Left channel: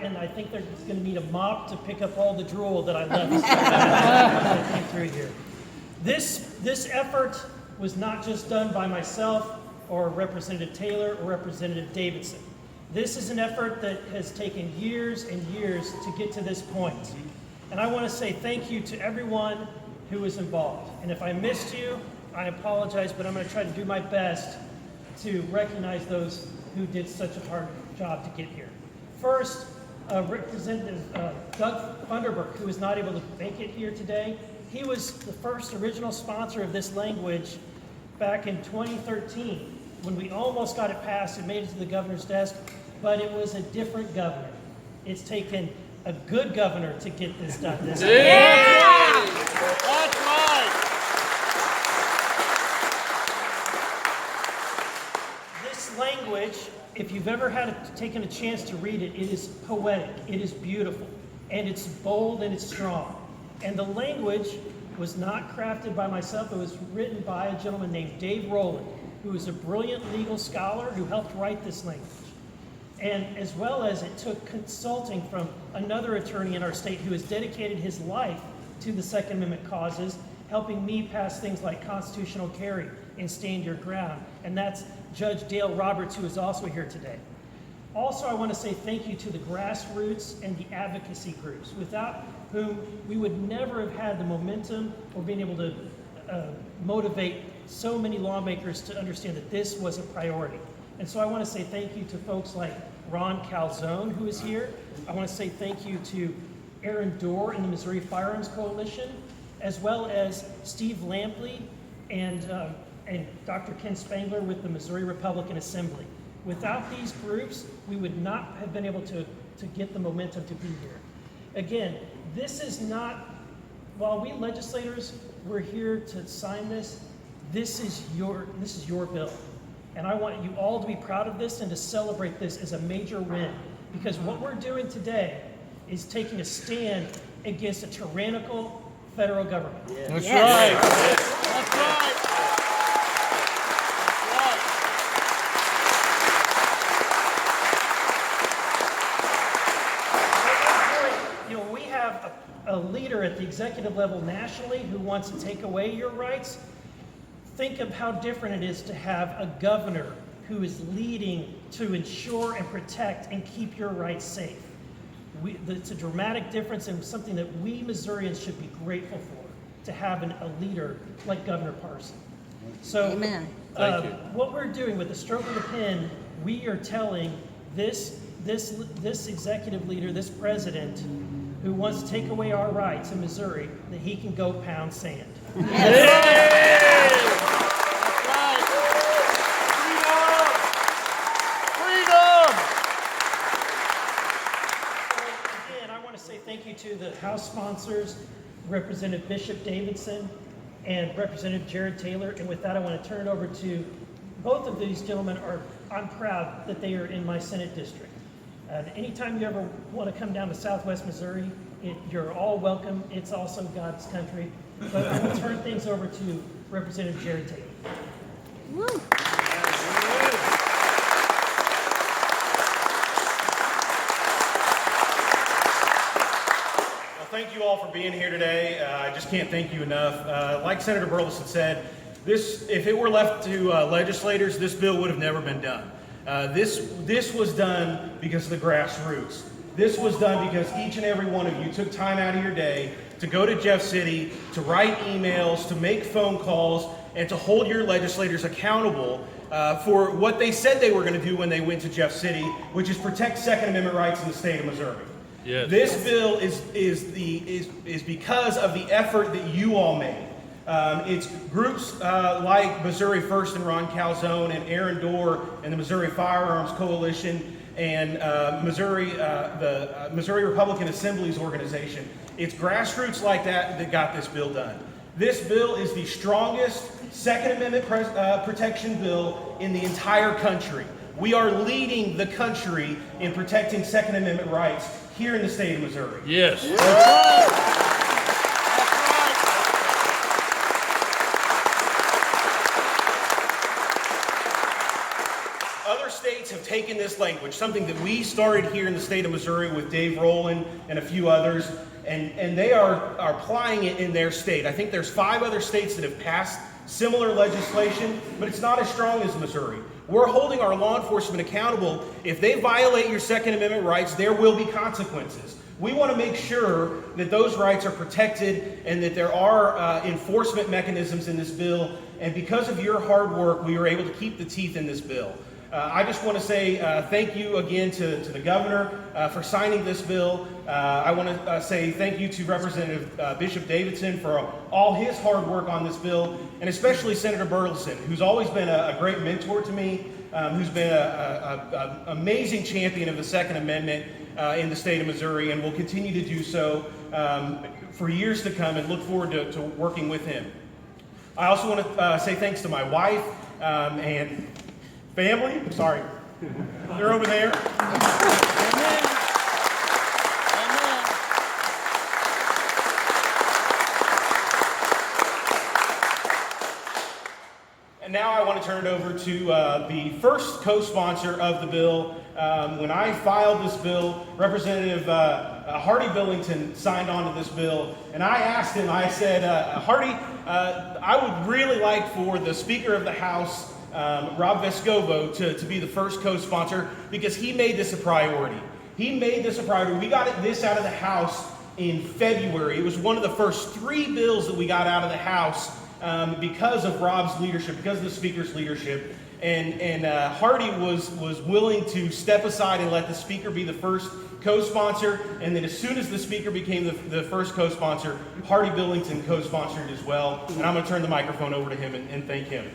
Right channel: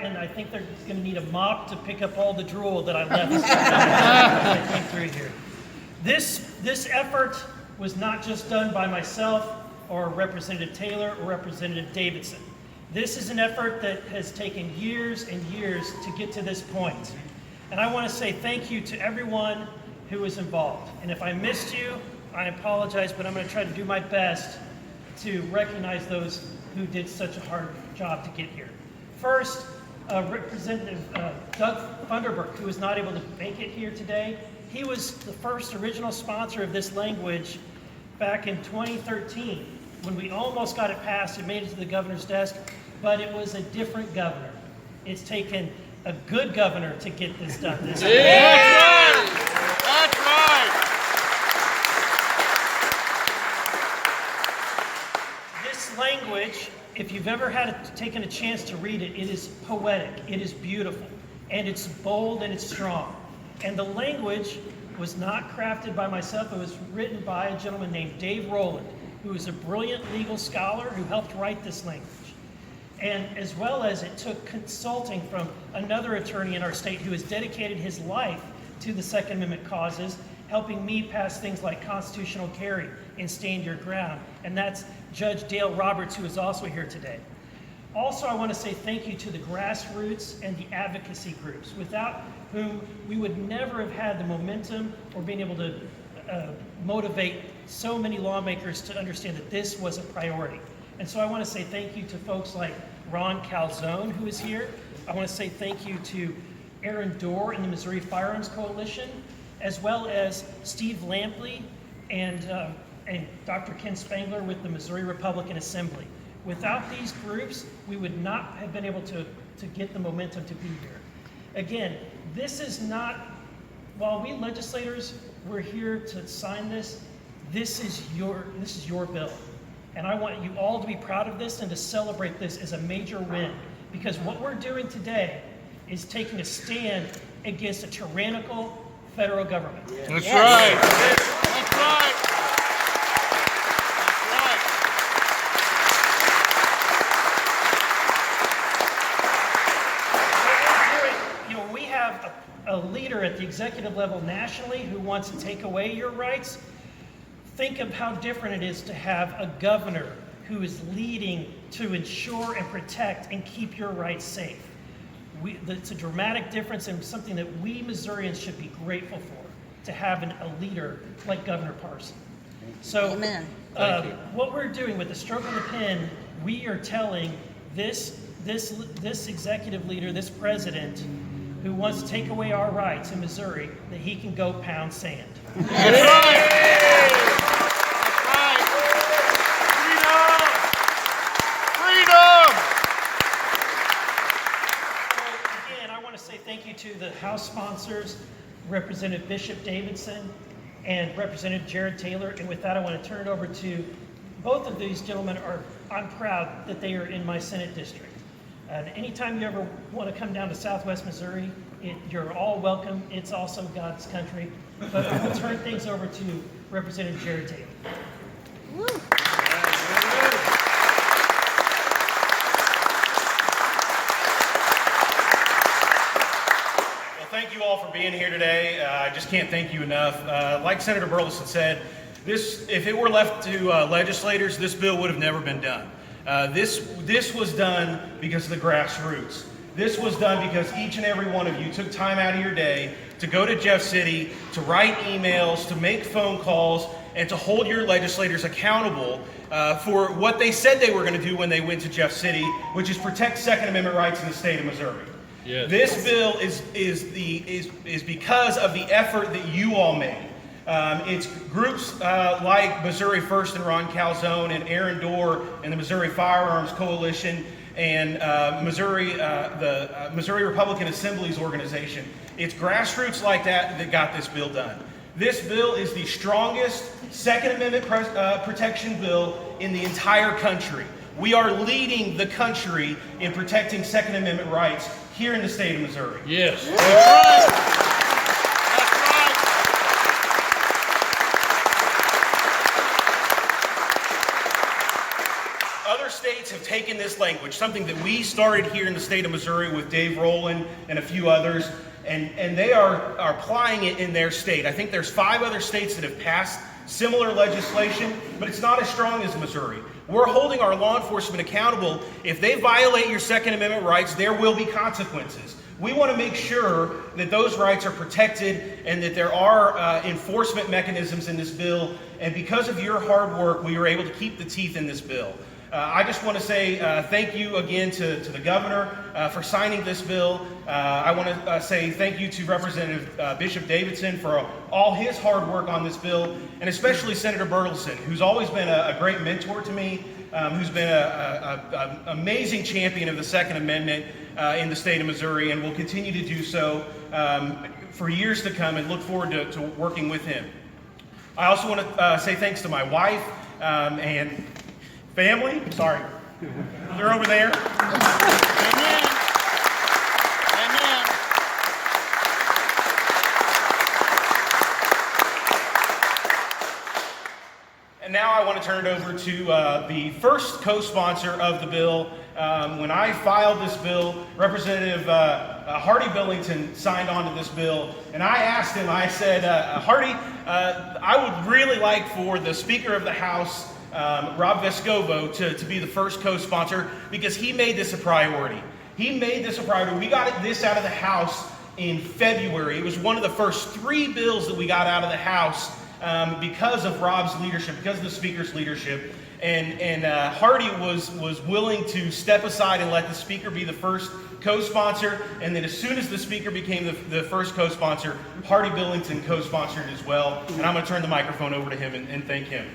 and I think they're going to need a mop to pick up all the drool that I left as I came through here. This effort was not just done by myself or Representative Taylor or Representative Davidson. This is an effort that has taken years and years to get to this point. And I want to say thank you to everyone who was involved. And if I missed you, I apologize, but I'm going to try to do my best to recognize those who did such a hard job to get here. First, Representative Doug Funderburk, who was not able to make it here today. He was the first original sponsor of this language back in 2013 when we almost got it passed. It made it to the governor's desk, but it was a different governor. It's taken a good governor to get this done. That's right. That's right. This language, if you've ever taken a chance to read it, it is poetic, it is beautiful, and it's bold and it's strong. And the language was not crafted by myself. It was written by a gentleman named Dave Rowland, who is a brilliant legal scholar who helped write this language. And as well as it took consulting from another attorney in our state who has dedicated his life to the Second Amendment causes, helping me pass things like constitutional carry and stand your ground. And that's Judge Dale Roberts, who is also here today. Also, I want to say thank you to the grassroots and the advocacy groups, without whom we would never have had the momentum or been able to motivate so many lawmakers to understand that this was a priority. And so I want to say thank you to folks like Ron Calzone, who is here. I want to say thank you to Aaron Dorr and the Missouri Firearms Coalition, as well as Steve Lampley and Dr. Ken Spangler with the Missouri Republican Assembly. Without these groups, we would not have been able to get the momentum to be here. Again, this is not, while we legislators were here to sign this, this is your bill. And I want you all to be proud of this and to celebrate this as a major win. Because what we're doing today is taking a stand against a tyrannical federal government. That's right. That's right. We have a leader at the executive level nationally who wants to take away your rights. Think of how different it is to have a governor who is leading to ensure and protect and keep your rights safe. It's a dramatic difference and something that we Missourians should be grateful for, to have a leader like Governor Parson. So what we're doing with the stroke of the pen, we are telling this executive leader, this president, who wants to take away our rights in Missouri, that he can go pound sand. That's right. Thank you to the House sponsors, Representative Bishop Davidson and Representative Jared Taylor. And with that, I want to turn it over to both of these gentlemen. I'm proud that they are in my Senate district. Anytime you ever want to come down to Southwest Missouri, you're all welcome. It's also God's country. But I will turn things over to Representative Jared Taylor. Woo. Thank you all for being here today. I just can't thank you enough. Like Senator Burlison said, if it were left to legislators, this bill would have never been done. This was done because of the grassroots. This was done because each and every one of you took time out of your day to go to Jeff City, to write emails, to make phone calls, and to hold your legislators accountable for what they said they were going to do when they went to Jeff City, which is protect Second Amendment rights in the state of Missouri. Yes. This bill is because of the effort that you all made. It's groups like Missouri First and Ron Calzone and Aaron Dorr and the Missouri Firearms Coalition and the Missouri Republican Assembly's organization. It's grassroots like that got this bill done. This bill is the strongest Second Amendment protection bill in the entire country. We are leading the country in protecting Second Amendment rights here in the state of Missouri. Yes. That's right. Other states have taken this language, something that we started here in the state of Missouri with Dave Rowland and a few others, and they are applying it in their state. I think there's 5 other states that have passed similar legislation, but it's not as strong as Missouri. We're holding our law enforcement accountable. If they violate your Second Amendment rights, there will be consequences. We want to make sure that those rights are protected and that there are enforcement mechanisms in this bill. And because of your hard work, we were able to keep the teeth in this bill. I just want to say thank you again to the governor for signing this bill. I want to say thank you to Representative Bishop Davidson for all his hard work on this bill, and especially Senator Burlison, who's always been a great mentor to me, who's been an amazing champion of the Second Amendment in the state of Missouri, and will continue to do so for years to come, and look forward to working with him. I also want to say thanks to my wife and family. Sorry, they're over there. Amen. Amen. And now I want to turn it over to the first co-sponsor of the bill. When I filed this bill, Representative Hardy Billington signed on to this bill, and I asked him, I said, Hardy, I would really like for the Speaker of the House, Rob Vescovo, to be the first co-sponsor, because he made this a priority. He made this a priority. We got this out of the House in February. It was one of the first 3 bills that we got out of the House because of Rob's leadership, because of the Speaker's leadership. And Hardy was willing to step aside and let the Speaker be the first co-sponsor, and then as soon as the Speaker became the first co-sponsor, Hardy Billington co-sponsored as well. And I'm going to turn the microphone over to him and thank him.